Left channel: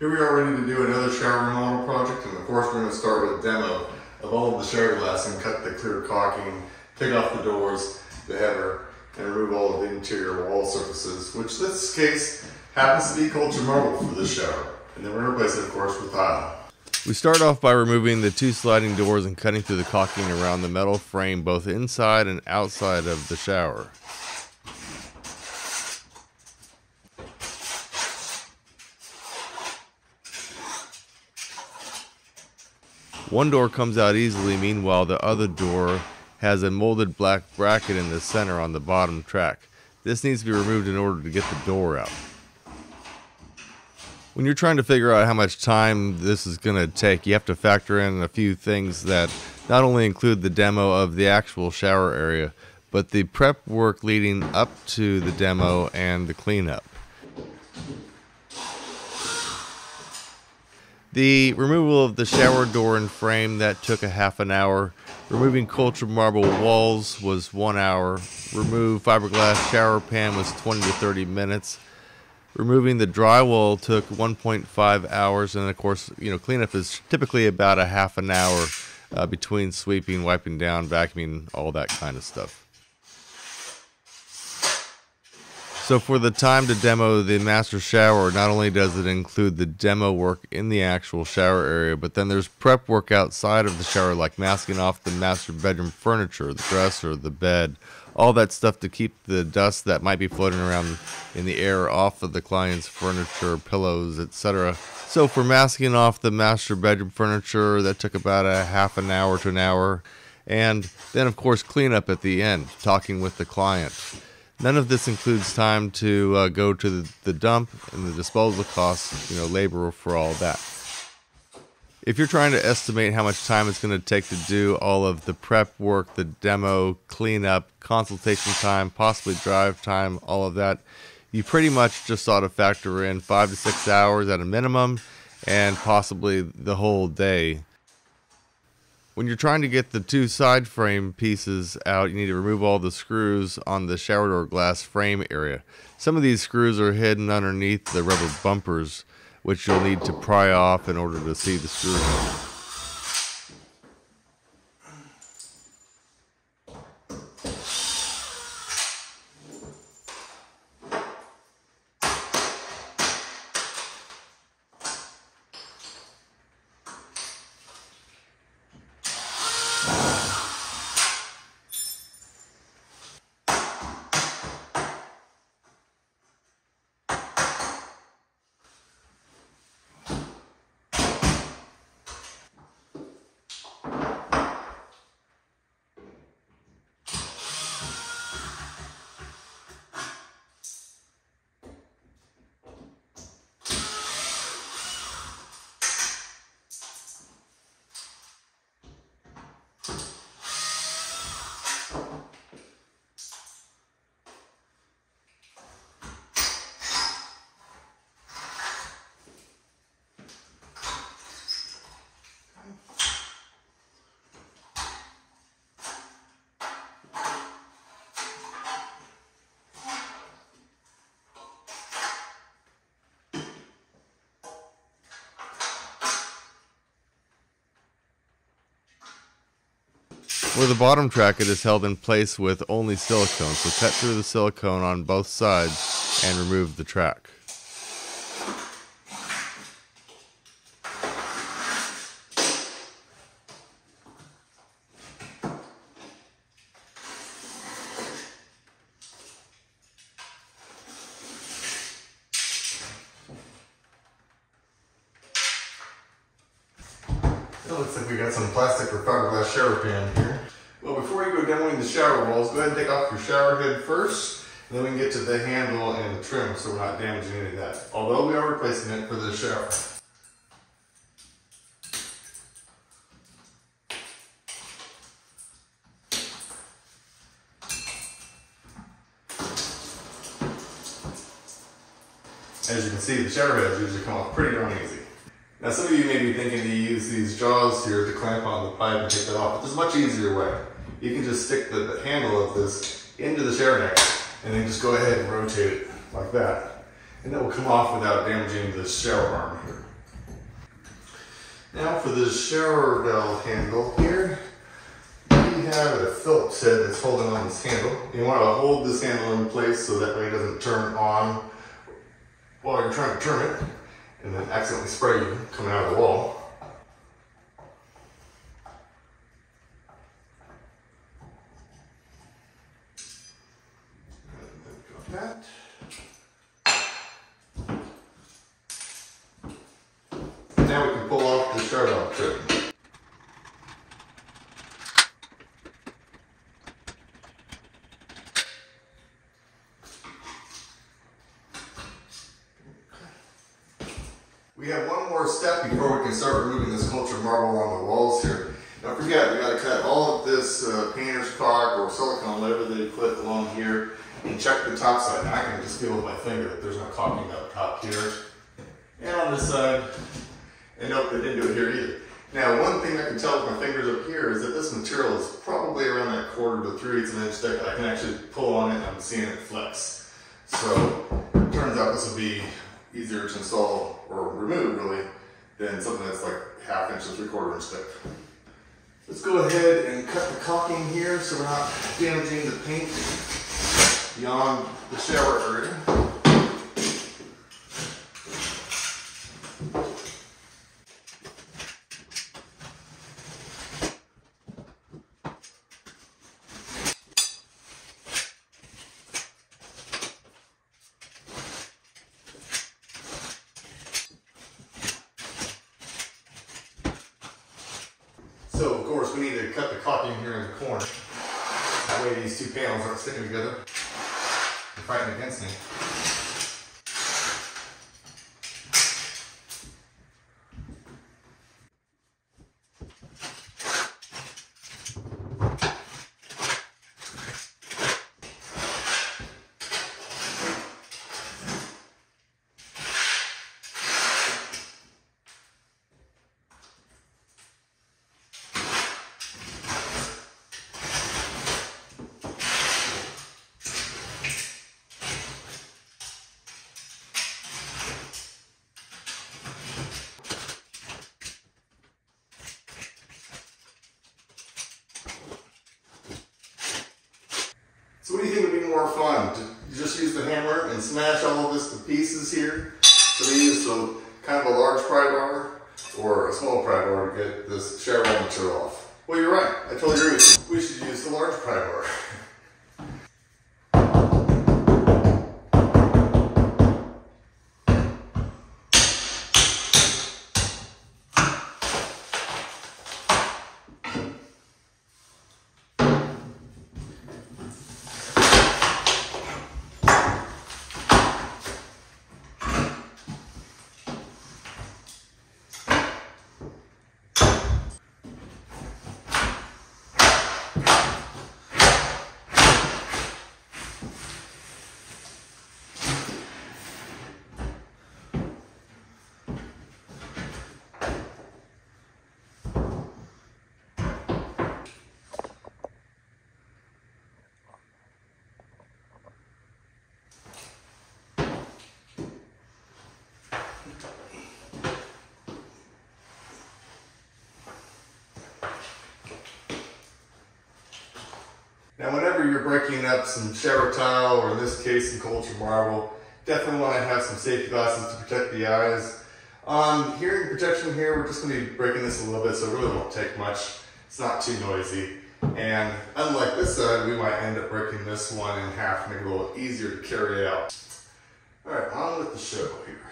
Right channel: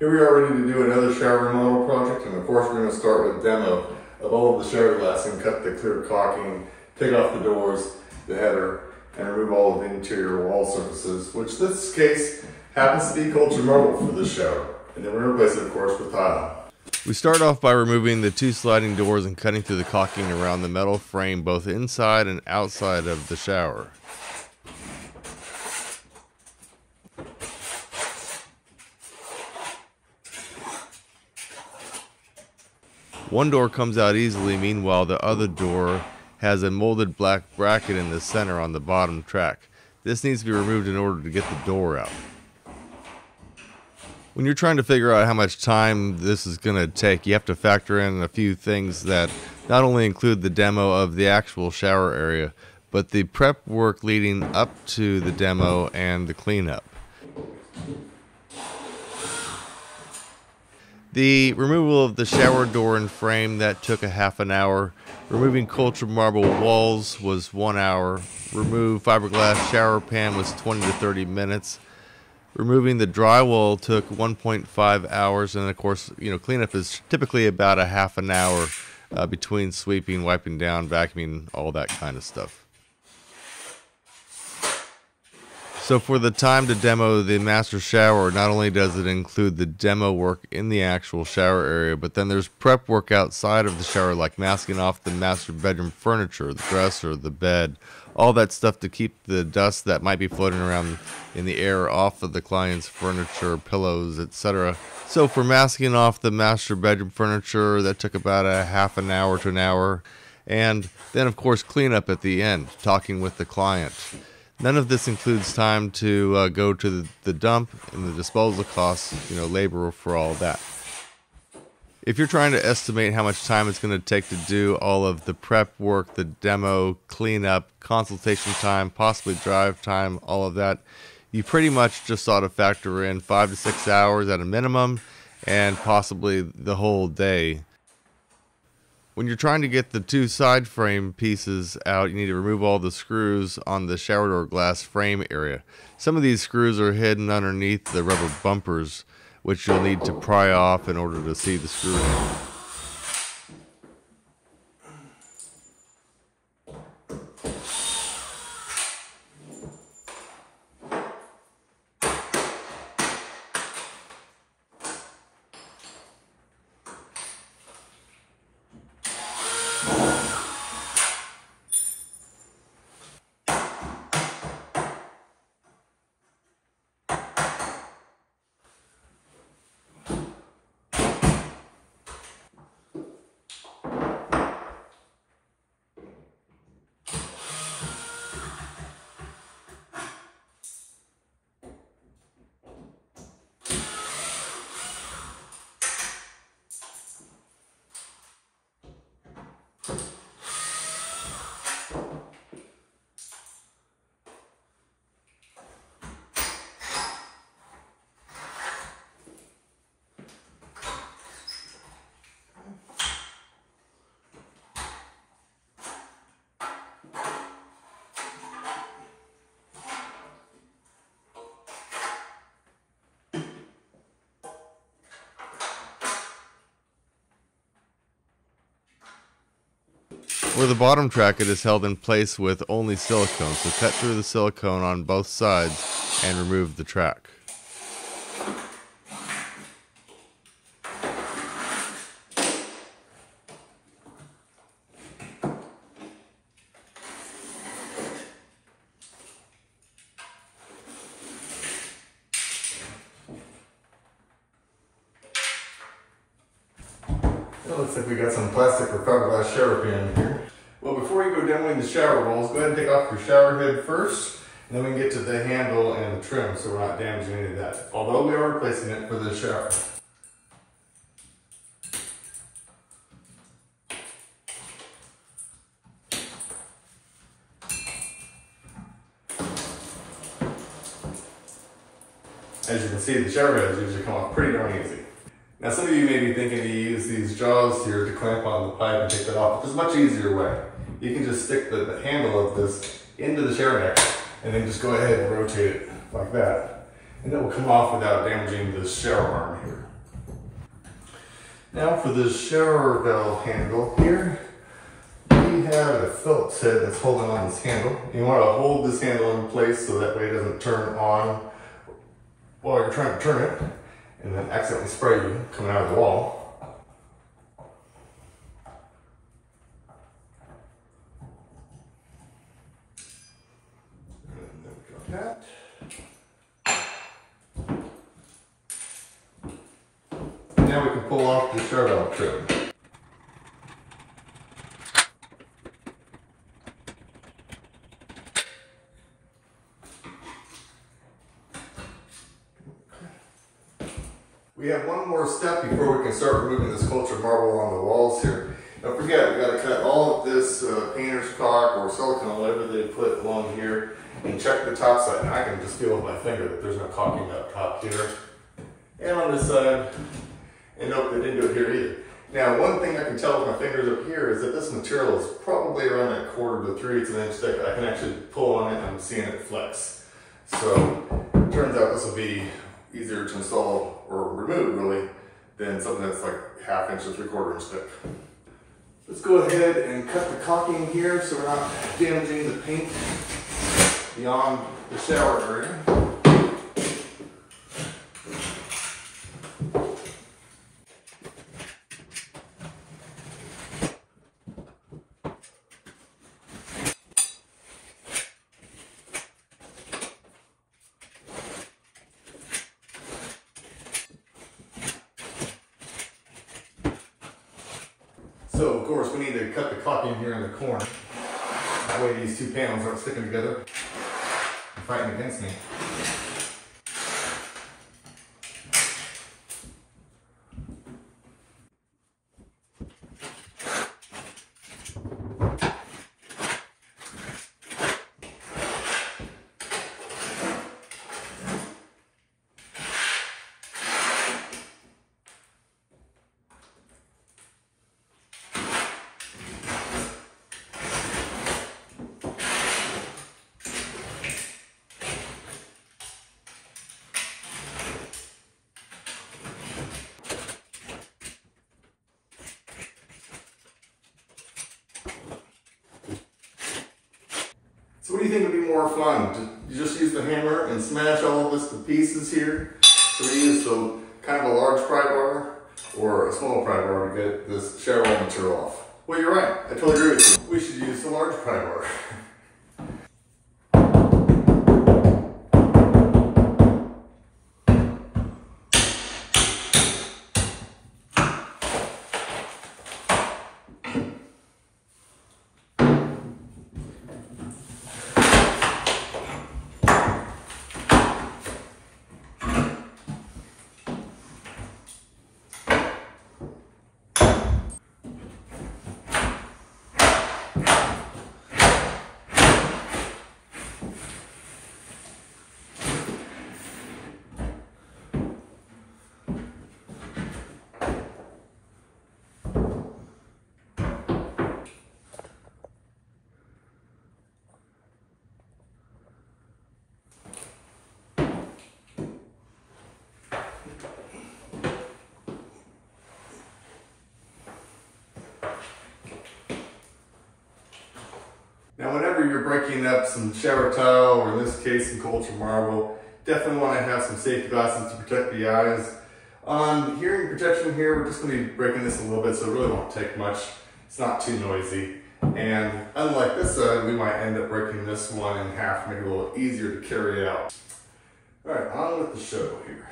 Here we are ready to do another shower remodel project, and of course we're going to start with a demo of all of the shower glass and cut the clear caulking, take off the doors, the header, and remove all of the interior wall surfaces, which this case happens to be cultured marble for this shower. And then we're going to replace it, of course, with tile. We start off by removing the two sliding doors and cutting through the caulking around the metal frame both inside and outside of the shower. One door comes out easily, meanwhile the other door has a molded black bracket in the center on the bottom track. This needs to be removed in order to get the door out. When you're trying to figure out how much time this is going to take, you have to factor in a few things that not only include the demo of the actual shower area, but the prep work leading up to the demo and the cleanup. The removal of the shower door and frame, that took a half an hour. Removing cultured marble walls was 1 hour. Remove fiberglass shower pan was 20 to 30 minutes. Removing the drywall took 1.5 hours, and of course, cleanup is typically about a half an hour between sweeping, wiping down, vacuuming, all that kind of stuff. So for the time to demo the master shower, not only does it include the demo work in the actual shower area, but then there's prep work outside of the shower, like masking off the master bedroom furniture, the dresser, the bed, all that stuff to keep the dust that might be floating around in the air off of the client's furniture, pillows, etc. So for masking off the master bedroom furniture, that took about a half an hour to an hour. And then of course cleanup at the end, talking with the client. None of this includes time to go to the dump and the disposal costs, labor for all that. If you're trying to estimate how much time it's going to take to do all of the prep work, the demo, cleanup, consultation time, possibly drive time, all of that, you pretty much just ought to factor in 5 to 6 hours at a minimum and possibly the whole day. When you're trying to get the two side frame pieces out, you need to remove all the screws on the shower door glass frame area. Some of these screws are hidden underneath the rubber bumpers, which you'll need to pry off in order to see the screw head. For the bottom track, it is held in place with only silicone, so cut through the silicone on both sides and remove the track. It looks like we got some plastic or fiberglass shower pan here. Well, before you go demoing the shower walls, go ahead and take off your shower head first, and then we can get to the handle and the trim so we're not damaging any of that. Although we are replacing it for the shower. As you can see, the shower heads usually come off pretty darn easy. Now some of you may be thinking to use these jaws here to clamp on the pipe and take that off, but there's a much easier way. You can just stick the handle of this into the shower neck and then just go ahead and rotate it like that. And that will come off without damaging the shower arm here. Now for the shower valve handle here, we have a Phillips head that's holding on this handle. You want to hold this handle in place so that way it doesn't turn on while you're trying to turn it and then accidentally spray you coming out of the wall. That. Now we can pull off the shower valve trim. We have one more step before we can start removing this cultured marble on the walls here. Don't forget, we got to cut all of this painter's caulk or silicone, whatever they put along here, and check the top side. And I can just feel with my finger that there's no caulking up top here. And on this side, and nope, they didn't do it here either. Now, one thing I can tell with my fingers up here is that this material is probably around that 1/4 to 3/8 of an inch thick. I can actually pull on it and I'm seeing it flex. So, it turns out this will be easier to install or remove really than something that's like 1/2 inch to 3/4 inch thick. Let's go ahead and cut the caulking here so we're not damaging the paint beyond the shower area. So of course we need to cut the caulking here in the corner. That way these two panels aren't sticking together and fighting against me. So what do you think would be more fun? To just use the hammer and smash all of this to pieces here? So they use some kind of a large pry bar or a small pry bar to get this shower wall material off. Well, you're right. I totally agree with you. We should use the large pry bar. Now whenever you're breaking up some shower tile, or in this case some cultured marble, definitely want to have some safety glasses to protect the eyes. On hearing protection here, we're just going to be breaking this a little bit, so it really won't take much. It's not too noisy. And unlike this side, we might end up breaking this one in half to make it a little easier to carry out. Alright, on with the show here.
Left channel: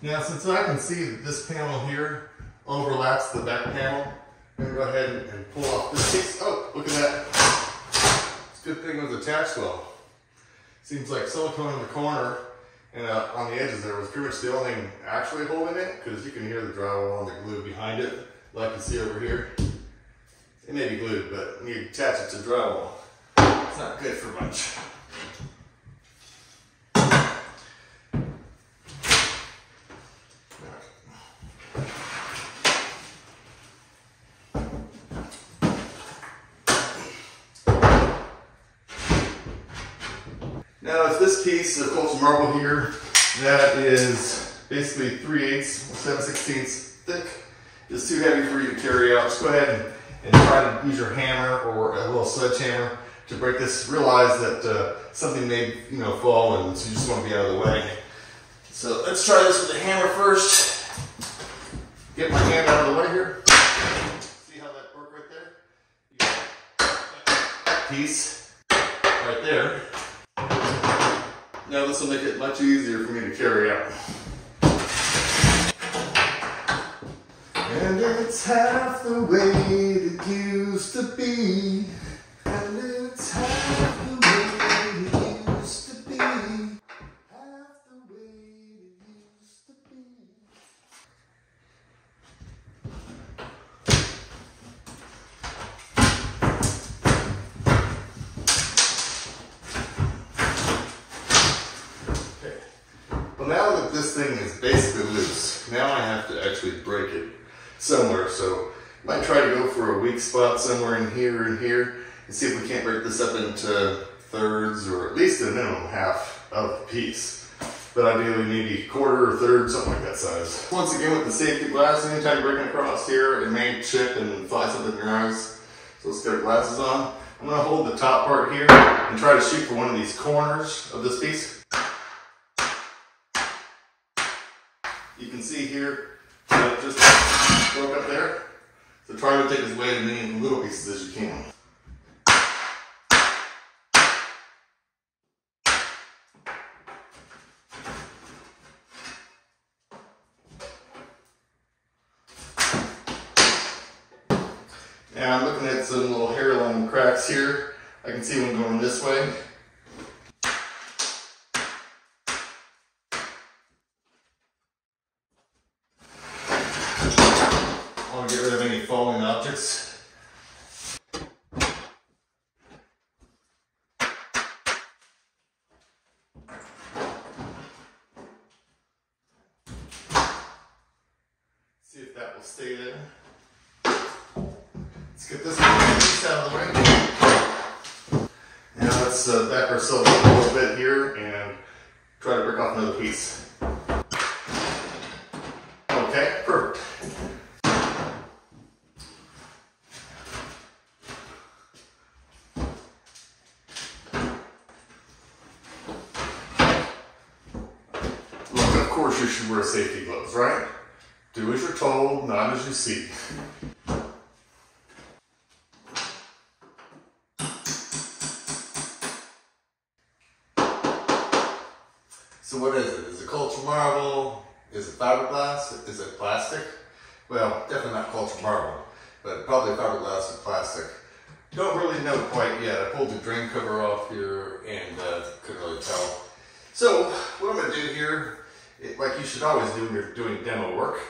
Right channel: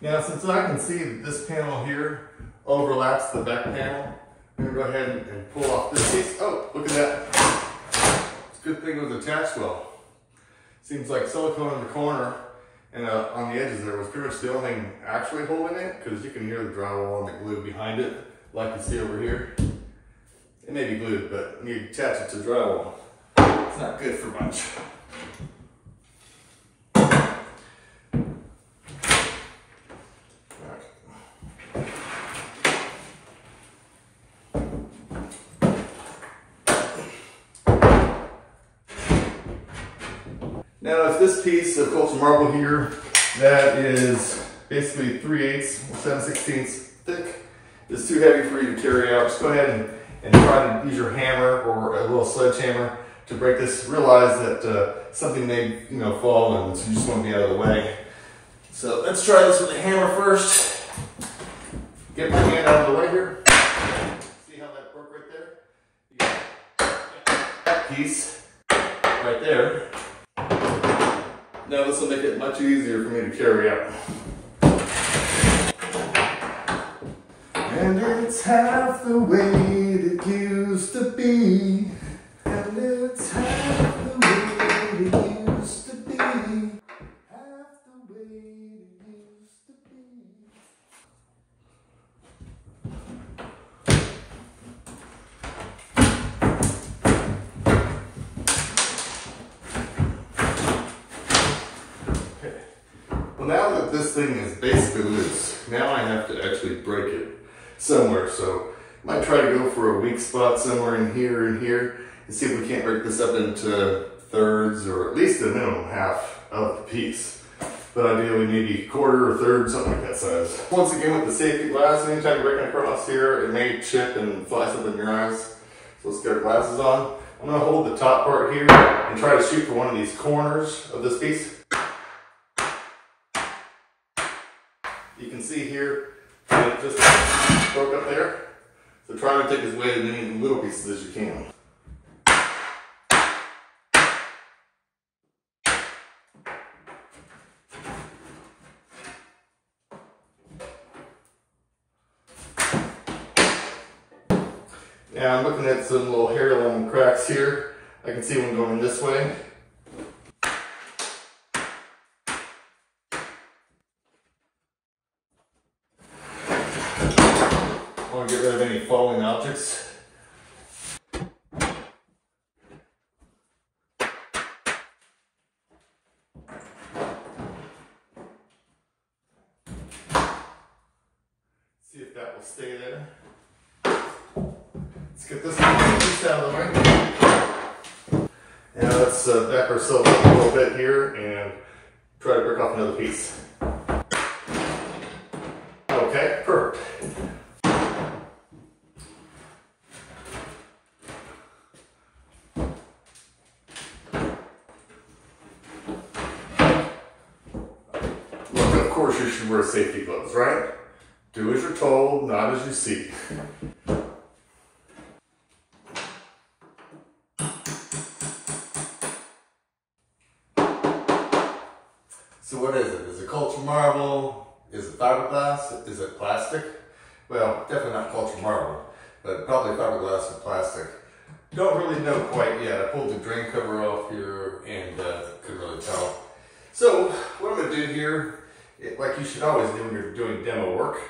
Now since I can see that this panel here overlaps the back panel, I'm going to go ahead and pull off this piece. Oh, look at that. It's a good thing it was attached well. Seems like silicone in the corner and on the edges there was pretty much the only thing actually holding it, because you can hear the drywall and the glue behind it, like you see over here. It may be glued, but when you attach it to drywall, it's not good for much. Now it's this piece of cultured marble here that is basically 3/8 or 7/16 thick. It's too heavy for you to carry out. Just go ahead and try to use your hammer or a little sledgehammer to break this. Realize that something may fall, and so you just want to be out of the way. So let's try this with the hammer first. Get my hand out of the way here. See how that broke right there? You got that piece right there. Now this will make it much easier for me to carry out. And it's half the way it used to be. And it's half the way it used to be. Half the way it used to be. Okay. Well, now that this thing is basically loose, now I have to actually break it somewhere. So I might try to go for a weak spot somewhere in here and here and see if we can't break this up into thirds, or at least a minimum half of the piece. But ideally maybe quarter or third, something like that size. Once again, with the safety glass, anytime you're breaking across here, it may chip and fly something in your eyes. So let's get our glasses on. I'm gonna hold the top part here and try to shoot for one of these corners of this piece. You can see here, it just broke up there. So try to take as weight as many little pieces as you can. Now I'm looking at some little hairline cracks here. I can see one going this way. I want to get rid of any falling objects. See if that will stay there. Let's get this piece out of the way. Now let's back ourselves up a little bit here and try to break off another piece. Okay, perfect. Look, of course you should wear safety gloves, right? Do as you're told, not as you see. So what is it? Is it cultured marble? Is it fiberglass? Is it plastic? Well, definitely not cultured marble, but probably fiberglass or plastic. Don't really know quite yet. I pulled the drain cover off here and couldn't really tell. So what I'm going to do here, like you should always do when you're doing demo work,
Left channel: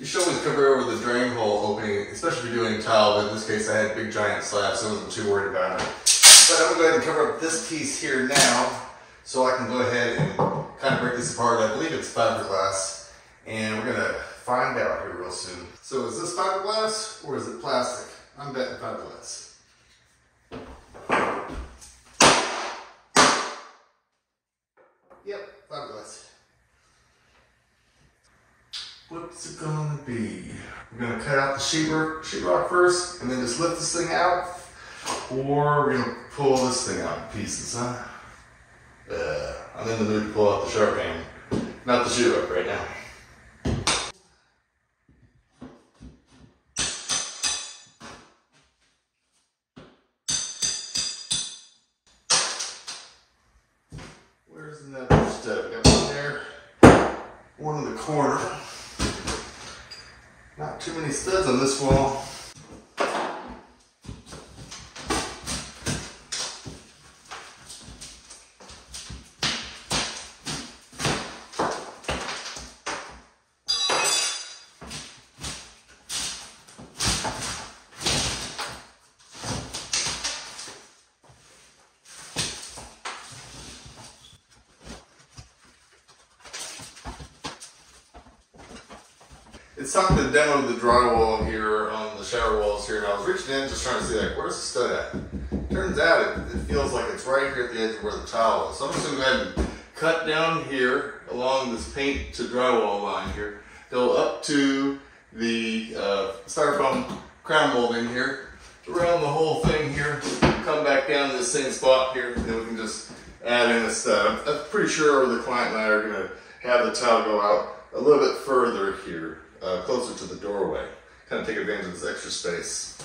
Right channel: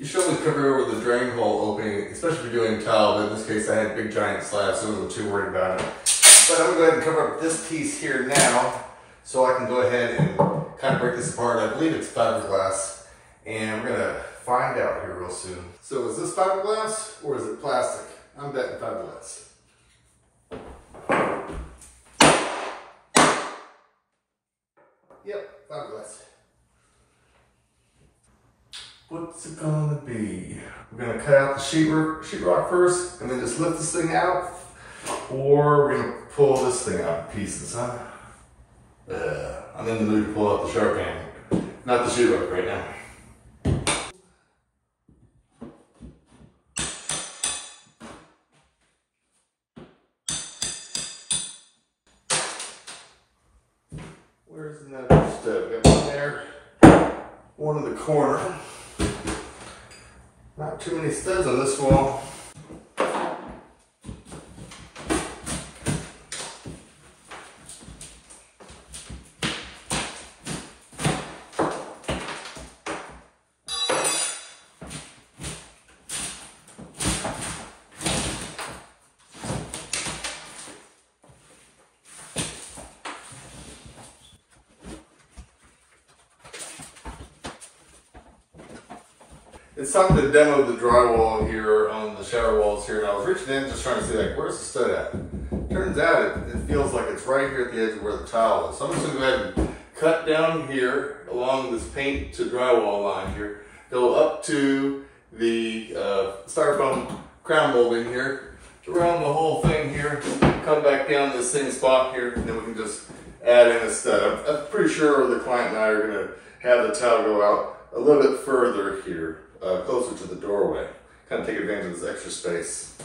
you should always cover over the drain hole opening, especially if you're doing tile, but in this case I had big giant slabs, so I wasn't too worried about it. But I'm going to go ahead and cover up this piece here now, so I can go ahead and kind of break this apart. I believe it's fiberglass, and we're going to find out here real soon. So is this fiberglass or is it plastic? I'm betting fiberglass. Yep, fiberglass. What's it gonna be? We're gonna cut out the sheetrock first, and then just lift this thing out, or we're gonna pull this thing out in pieces, huh? I'm in the mood to pull out the sharp hand, not the sheetrock right now. Where's another step? Got one there, one in the corner. Not too many studs on this wall. It's time to demo the drywall here on the shower walls here, and I was reaching in just trying to see, like, where's the stud at? Turns out it feels like it's right here at the edge of where the tile is. So I'm just going to go ahead and cut down here a along this paint to drywall line here. Go up to the styrofoam crown molding here, around the whole thing here, come back down to the same spot here, and then we can just add in a stud. I'm pretty sure the client and I are going to have the tile go out a little bit further here, closer to the doorway. Kind of take advantage of this extra space.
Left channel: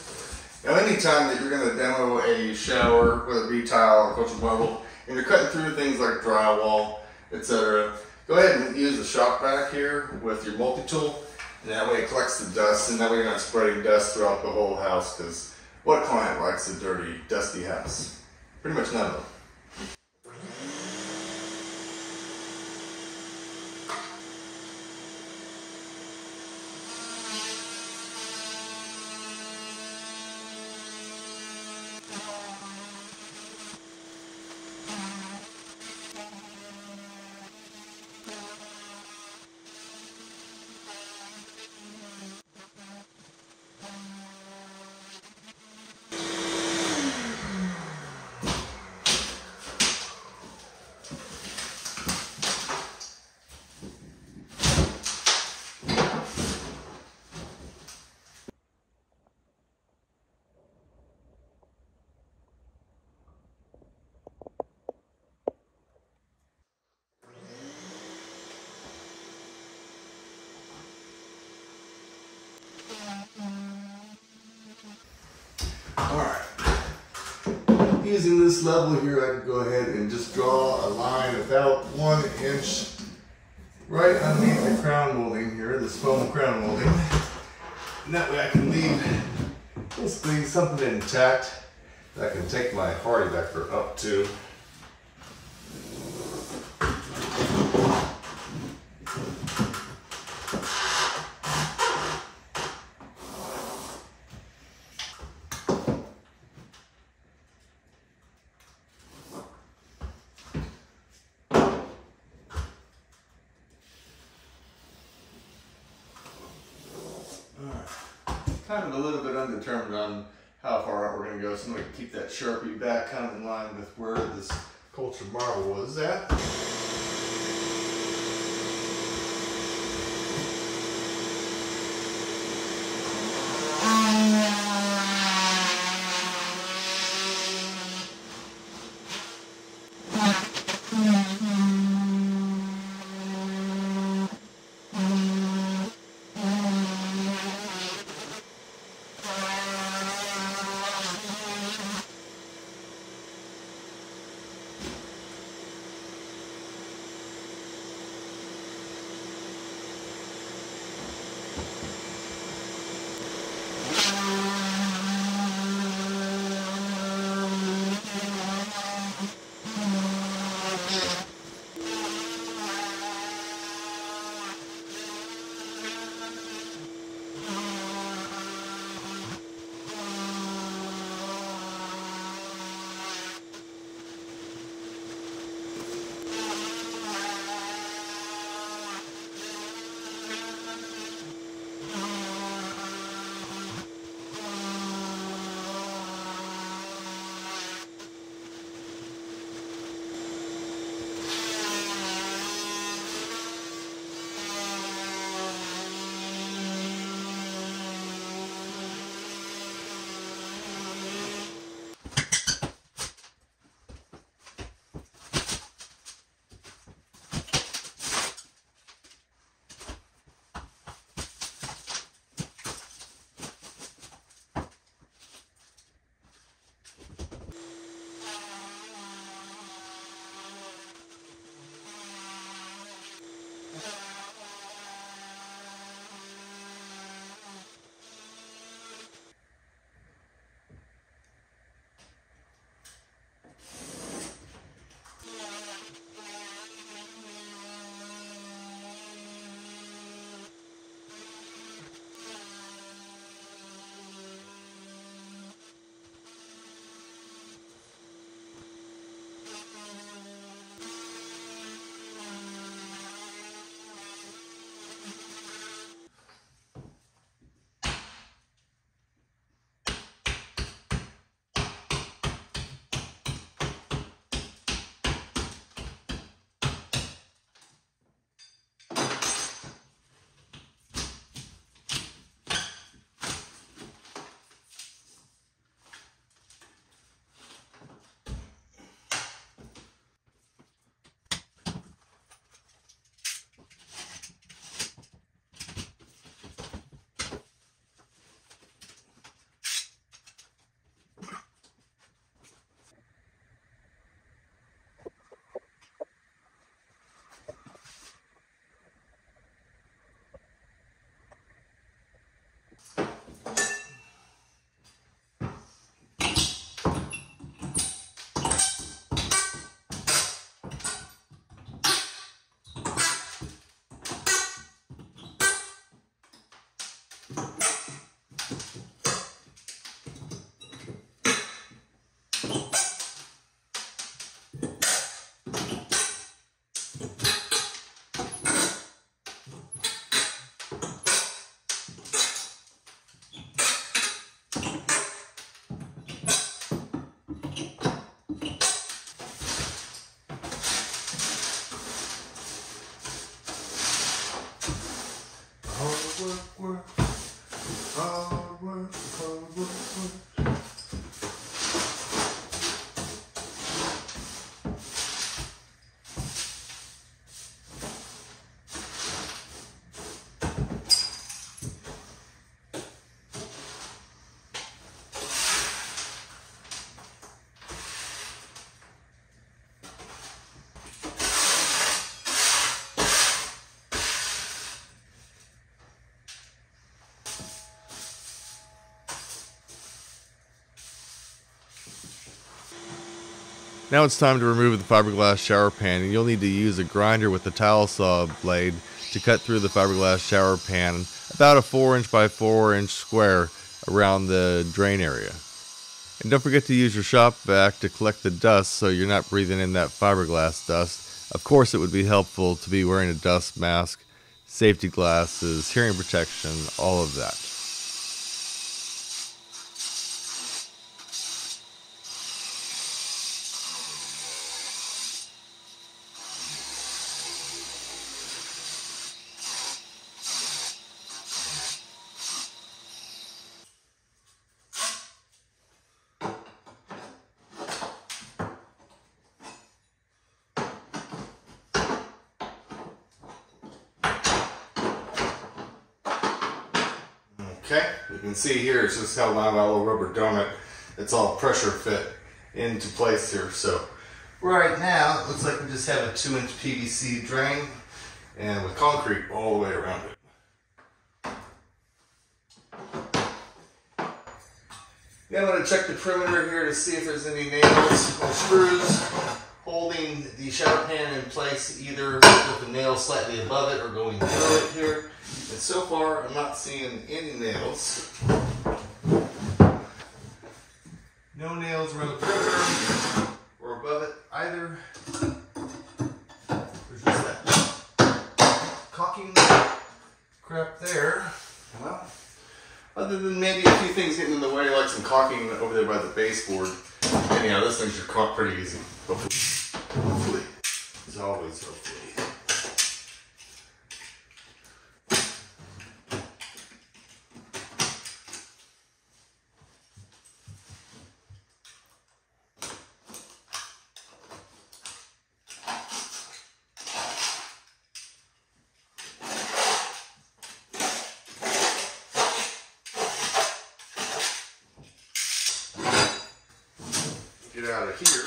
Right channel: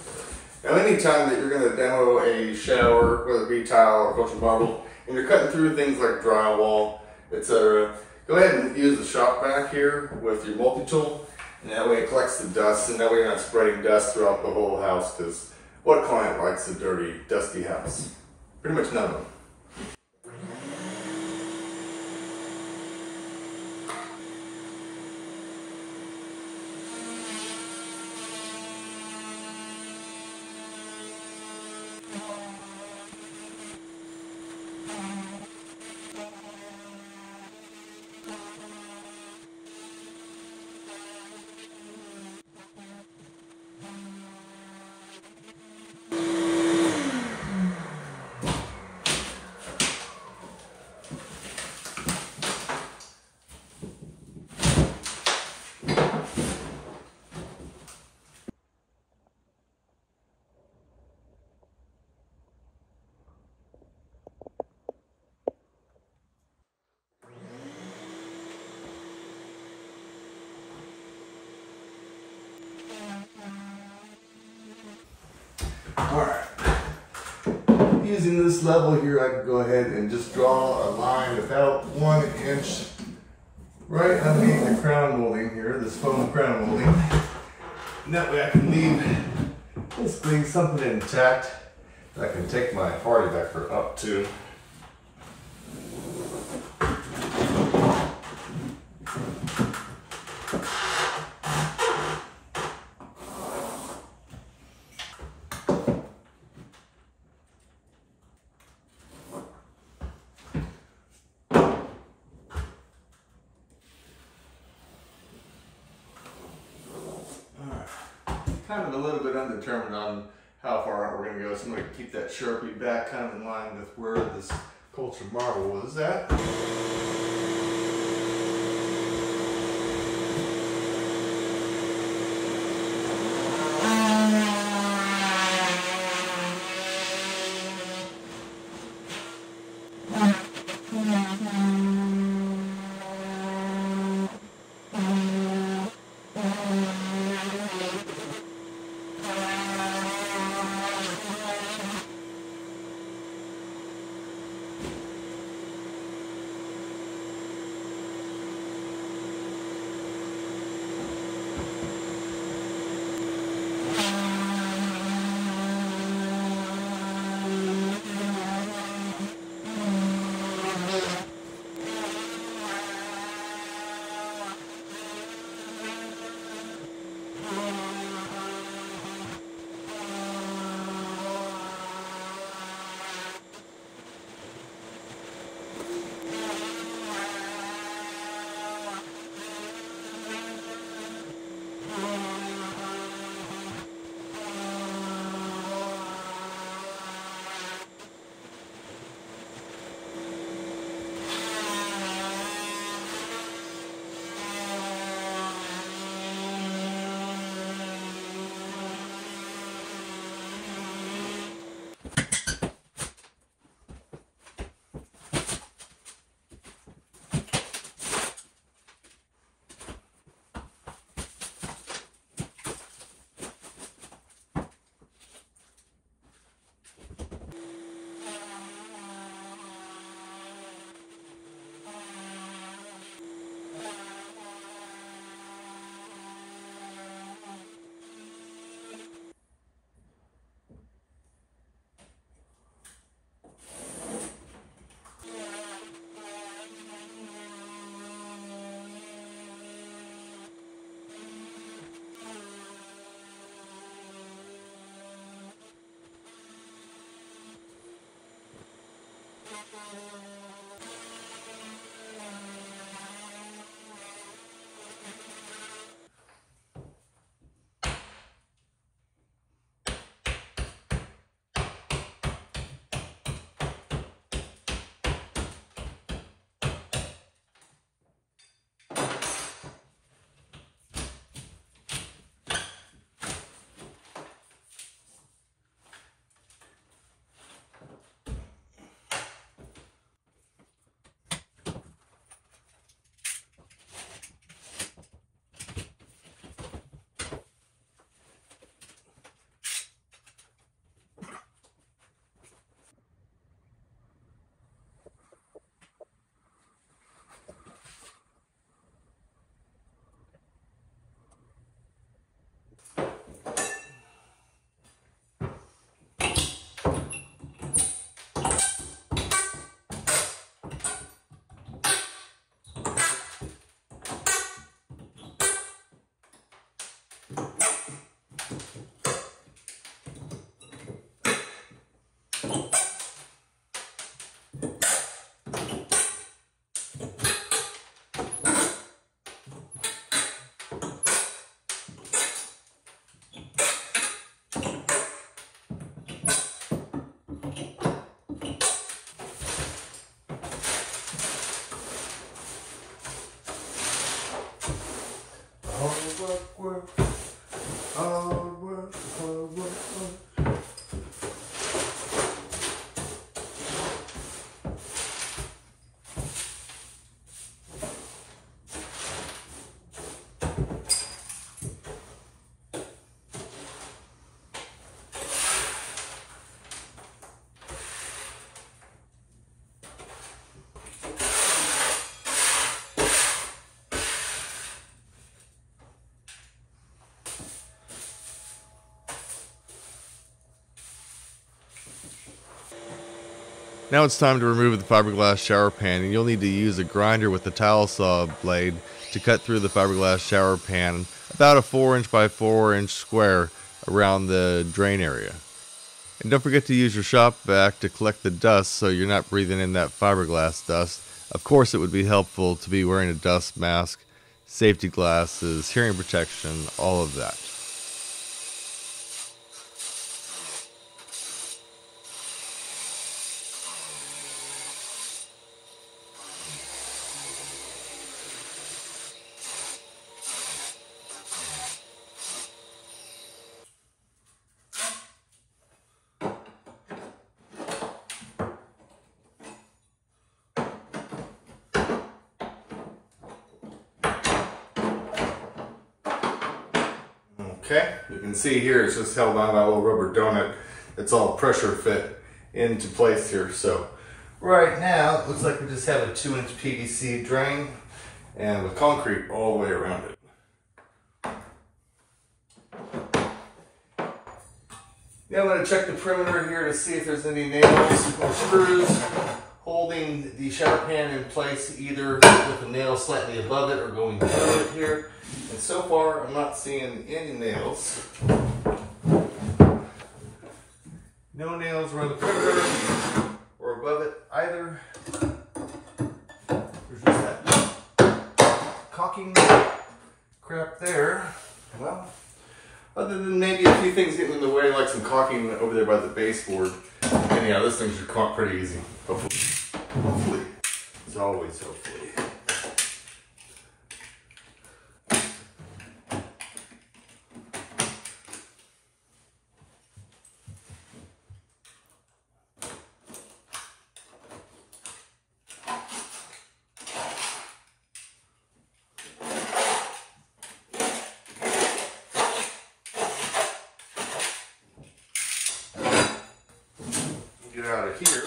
Now anytime that you're going to demo a shower, whether it be tile or cultured marble, and you're cutting through things like drywall, etc., go ahead and use the shop vac here with your multi-tool, and that way it collects the dust, and that way you're not spreading dust throughout the whole house, because what client likes a dirty, dusty house? Pretty much none of them. Alright, using this level here, I can go ahead and just draw a line about 1 inch right underneath the crown molding here, this foam crown molding. And that way I can leave basically something intact that I can take my hardy vector up to. Kind of a little bit undetermined on how far out we're going to go, so I'm going to keep that Sharpie back kind of in line with where this cultured marble was at. Now it's time to remove the fiberglass shower pan, and you'll need to use a grinder with a towel saw blade to cut through the fiberglass shower pan about a 4" by 4" square around the drain area. And don't forget to use your shop vac to collect the dust so you're not breathing in that fiberglass dust. Of course, it would be helpful to be wearing a dust mask, safety glasses, hearing protection, all of that. Okay, you can see here it's just held on that little rubber donut. It's all pressure fit into place here. So right now it looks like we just have a 2" PVC drain and with concrete all the way around it. Now I'm going to check the perimeter here to see if there's any nails or screws holding the shower pan in place, either with the nail slightly above it or going below it here. And so far, I'm not seeing any nails. No nails around the perimeter or above it either. There's just that caulking crap there. Well, other than maybe a few things getting in the way, like some caulking over there by the baseboard. Anyhow, this thing should caulk pretty easy. Hopefully. Hopefully. As always, hopefully. Get out of here.